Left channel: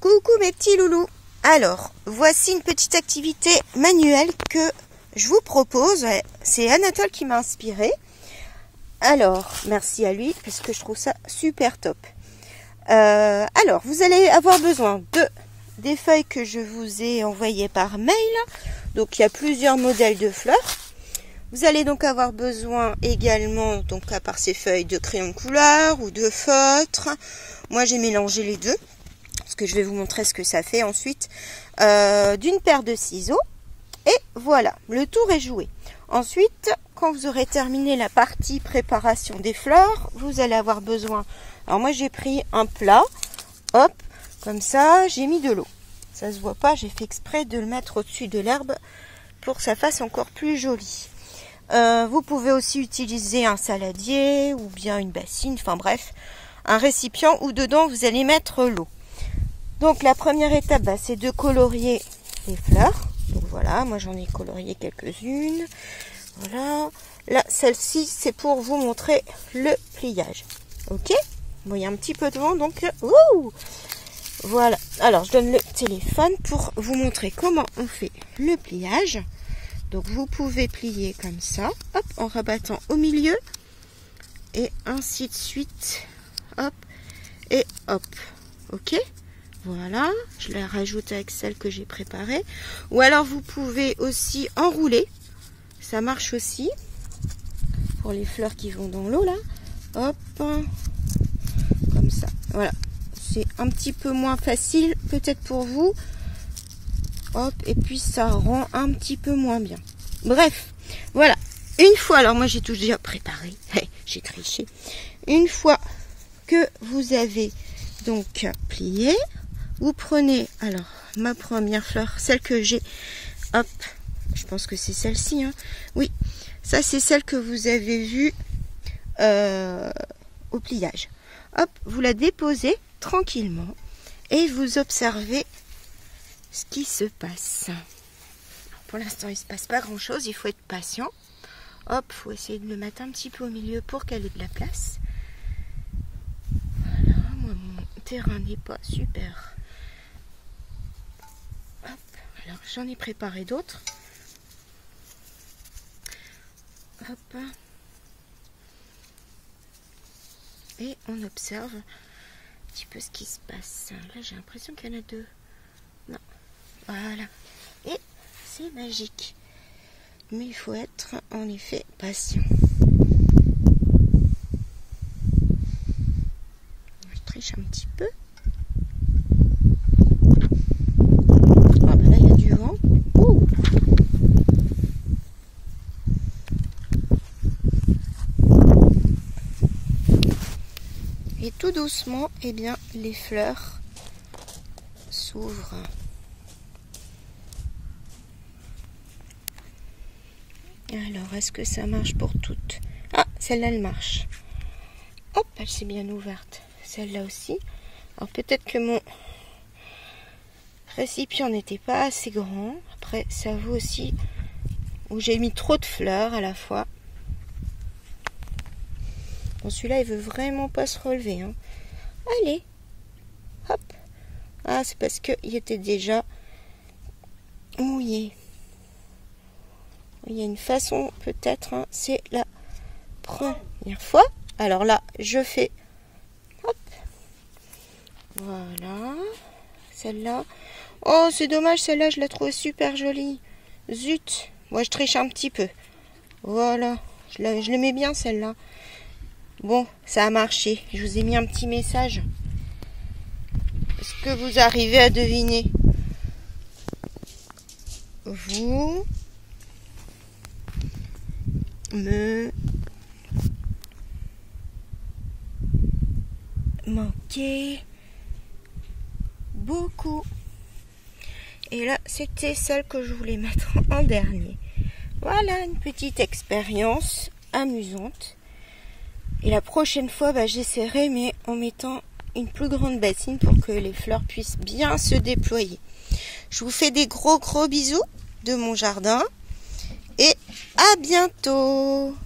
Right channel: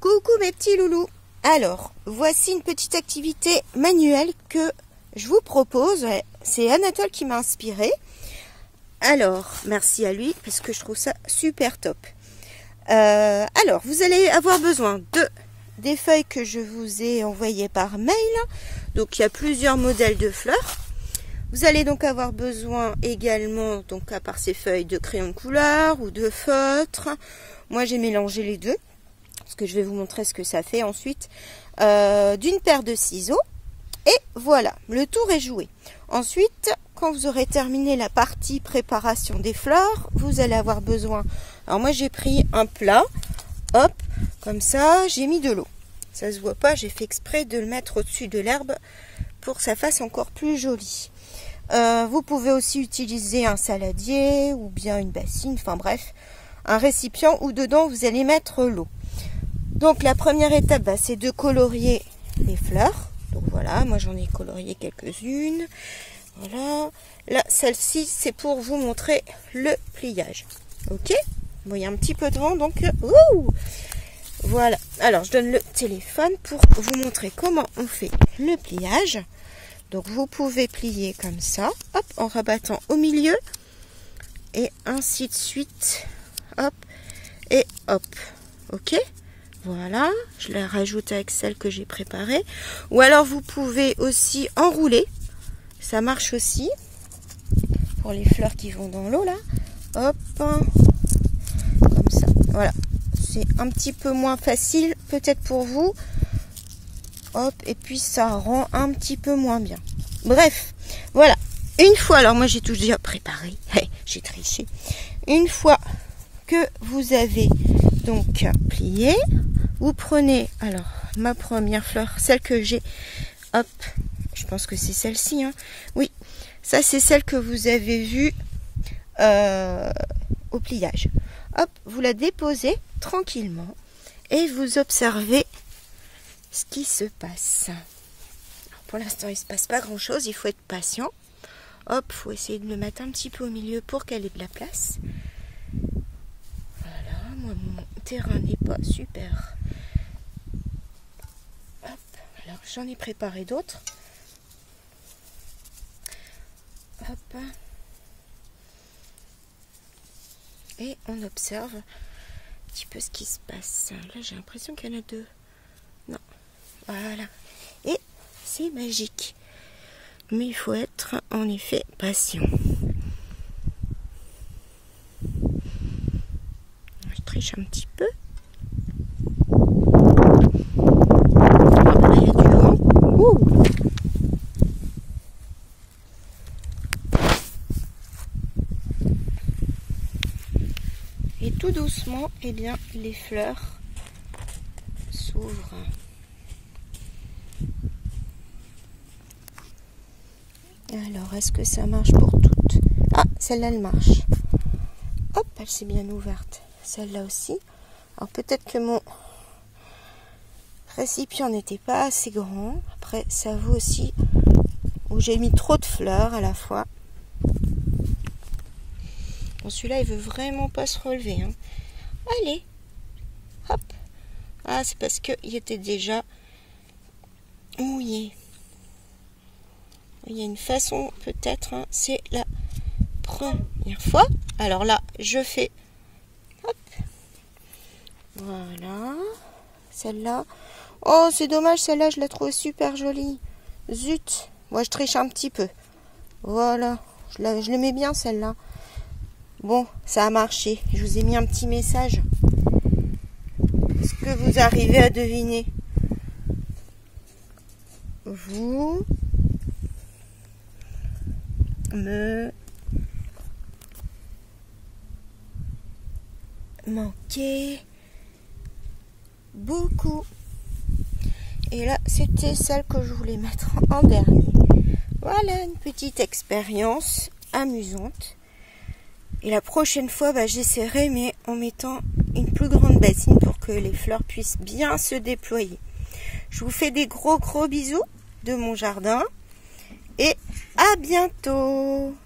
Coucou mes petits loulous. Alors, voici une petite activité manuelle que je vous propose. C'est Anatole qui m'a inspiré. Alors, merci à lui parce que je trouve ça super top. Alors, vous allez avoir besoin des feuilles que je vous ai envoyées par mail. Donc, il y a plusieurs modèles de fleurs. Vous allez donc avoir besoin également, donc à part ces feuilles, de crayons de couleur ou de feutre. Moi, j'ai mélangé les deux, parce que je vais vous montrer ce que ça fait ensuite. D'une paire de ciseaux. Et voilà, le tour est joué. Ensuite, quand vous aurez terminé la partie préparation des fleurs, vous allez avoir besoin... Alors moi, j'ai pris un plat. Hop, comme ça, j'ai mis de l'eau. Ça se voit pas, j'ai fait exprès de le mettre au-dessus de l'herbe pour que ça fasse encore plus joli. Vous pouvez aussi utiliser un saladier ou bien une bassine, enfin bref, un récipient où dedans vous allez mettre l'eau. Donc la première étape, c'est de colorier les fleurs. Donc voilà, moi j'en ai colorié quelques-unes. Voilà, là celle-ci c'est pour vous montrer le pliage. Ok, bon, il y a un petit peu de vent donc voilà. Alors je donne le téléphone pour vous montrer comment on fait le pliage. Donc vous pouvez plier comme ça, hop, en rabattant au milieu, et ainsi de suite, hop, et hop, ok, voilà, je la rajoute avec celle que j'ai préparée, ou alors vous pouvez aussi enrouler, ça marche aussi, pour les fleurs qui vont dans l'eau là, hop, comme ça, voilà, c'est un petit peu moins facile peut-être pour vous. Hop, et puis ça rend un petit peu moins bien. Bref, voilà. Une fois, alors moi j'ai tout déjà préparé. J'ai triché. Une fois que vous avez donc plié, vous prenez, alors, ma première fleur, celle que j'ai, hop, je pense que c'est celle-ci, hein. Oui, ça c'est celle que vous avez vue au pliage. Hop, vous la déposez tranquillement et vous observez ce qui se passe. Alors pour l'instant, il ne se passe pas grand chose, il faut être patient. Hop, il faut essayer de le mettre un petit peu au milieu pour qu'elle ait de la place. Voilà, moi mon terrain n'est pas super. Hop, alors j'en ai préparé d'autres. Hop. Et on observe un petit peu ce qui se passe. Là, j'ai l'impression qu'il y en a deux. Non. Voilà. Et c'est magique. Mais il faut être en effet patient. Je triche un petit peu. Là, il y a du vent. Ouh. Et tout doucement, eh bien, les fleurs s'ouvrent. Alors, est-ce que ça marche pour toutes? Ah, celle-là, elle marche. Hop, elle s'est bien ouverte. Celle-là aussi. Alors, peut-être que mon récipient n'était pas assez grand. Après, ça vaut aussi où j'ai mis trop de fleurs à la fois. Bon, celui-là, il veut vraiment pas se relever, hein. Allez, hop. Ah, c'est parce qu'il était déjà mouillé. Il y a une façon, peut-être, hein, c'est la première fois. Alors là, je fais, hop, voilà, celle-là. Oh, c'est dommage, celle-là, je la trouve super jolie. Zut, moi, je triche un petit peu. Voilà, je l'aimais bien, celle-là. Bon, ça a marché. Je vous ai mis un petit message. Est-ce que vous arrivez à deviner? Vous me manquez beaucoup. Et là, c'était celle que je voulais mettre en dernier. Voilà, une petite expérience amusante. Et la prochaine fois, j'essaierai, mais en mettant une plus grande bassine pour que les fleurs puissent bien se déployer. Je vous fais des gros bisous de mon jardin. Et à bientôt!